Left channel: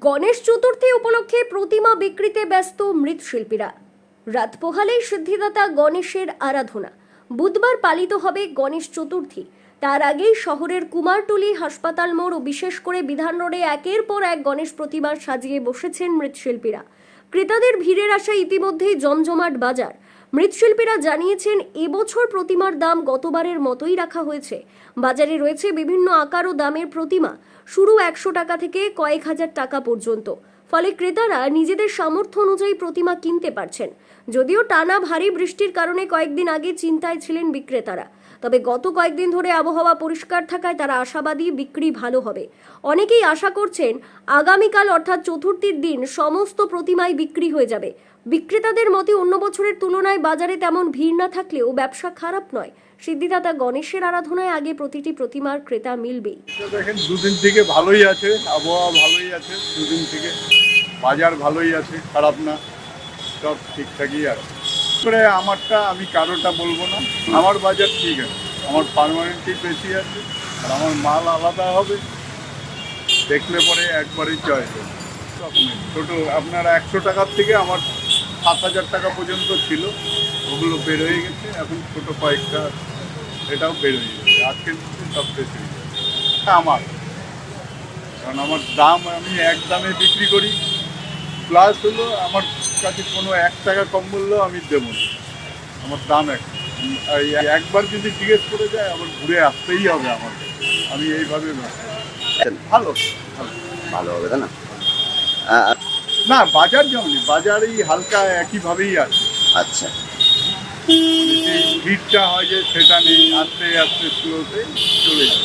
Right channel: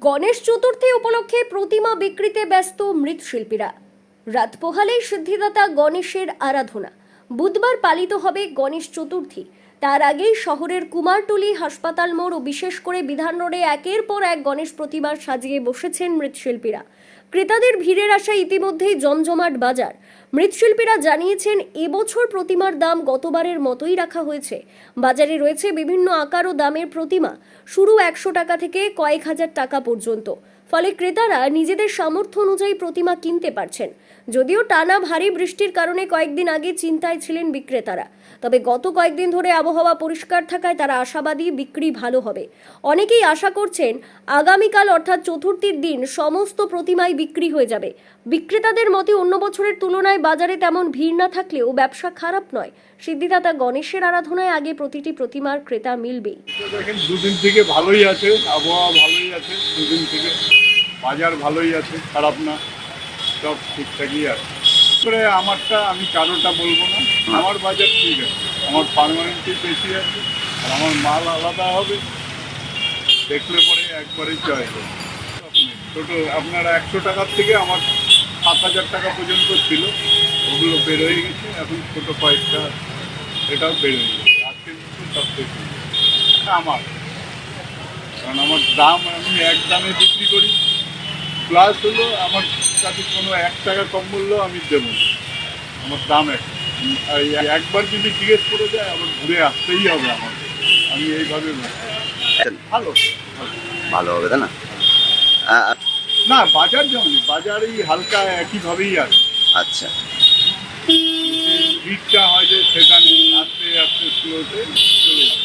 গণেশ চতুর্থী উপলক্ষে প্রতিমা বিক্রিতে ব্যস্ত মৃৎশিল্পীরা। রাত পোহালেই সিদ্ধিদাতা গণেশের আরাধনা। বুধবার পালিত হবে গণেশ চতুর্থী। তার আগেই শহরের কুমারটুলি হাসপাতাল মোড় ও বিশেষ করে বিধান রোডে একের পর এক গণেশ প্রতিমা সাজিয়ে বসেছেন মৃৎশিল্পীরা। ক্রেতাদের ভিড়ের আশায় ইতিমধ্যেই জমজমাট বাজার। মৃৎশিল্পীরা জানিয়েছেন এবছর প্রতিমার দাম গতবারের মতোই রাখা হয়েছে। বাজারে রয়েছে বিভিন্ন আকার ও দামের প্রতিমা। শুরু একশো টাকা থেকে কয়েক হাজার টাকা পর্যন্ত। ফলে ক্রেতারা নিজেদের সামর্থ্য অনুযায়ী প্রতিমা কিনতে পারছেন। যদিও টানা ভারী বৃষ্টির কারণে কয়েকদিন আগে চিন্তায় ছিলেন বিক্রেতারা। তবে গত কয়েকদিন ধরে আবহাওয়া পরিষ্কার থাকায় তারা আশাবাদী বিক্রি ভালো হবে। অনেকেই আশা করছেন, আগামীকাল অর্থাৎ চতুর্থীর দিন সমস্ত প্রতিমাই বিক্রি হয়ে যাবে। বিক্রেতাদের মতে অন্য বছরের তুলনায় বাজারে তেমন ভিড় না থাকলেও ব্যবসা খারাপ নয়। সিদ্ধিদাতা গণেশের আরাধনায় আগে প্রতিটি প্রতিমার ক্রেতা মিলবেই। তো দেখেন, দুদিন থেকে ভালোই আছে, আবহাওয়া ভালোই আছে, দুদিন থেকে বাজার ভালোই আছে, খারাপ না, সব ঠিকঠাকই আছে। করে আমারটা, আমি কারোটা বলব না, আমার বাজার ঠিক আছে, আমার পারমানেন্টই বেশি আছে, আর আমার মাল আলাদা হবে, দেখলে পরে একবারই চয়েস হবে। ছোটো, আপনার একশো টাকার থেকে আমার সাত হাজার টাকা পর্যন্ত ছিল, ওগুলো বের হয়ে গেছে, এখন ছোটো কয়েকটা। এটাও বের হয়ে গেছে, আজকের মধ্যে সব শেষ হয়ে এটা আমার। কারণ আমার দাম আমি এক দামে বিক্রি করি, প্লাস হলো আমার কাছে কোনো এক টাকা কম মূল্য আমি দেবো না। আমার দাম এক। একবার যদি জিজ্ঞেস করে যায়, আবার ঘুরে আসতেই হবে আমার আমি এইভাবে ভালো। ভালো হবে, তাই না? না বাজার যেমনি বাজার এই হালকা একইভাবেই আছে। আচ্ছা। ভিড়টা হয় যে সেটা নেই আস্তে আস্তে স্লোতে চলে যায়।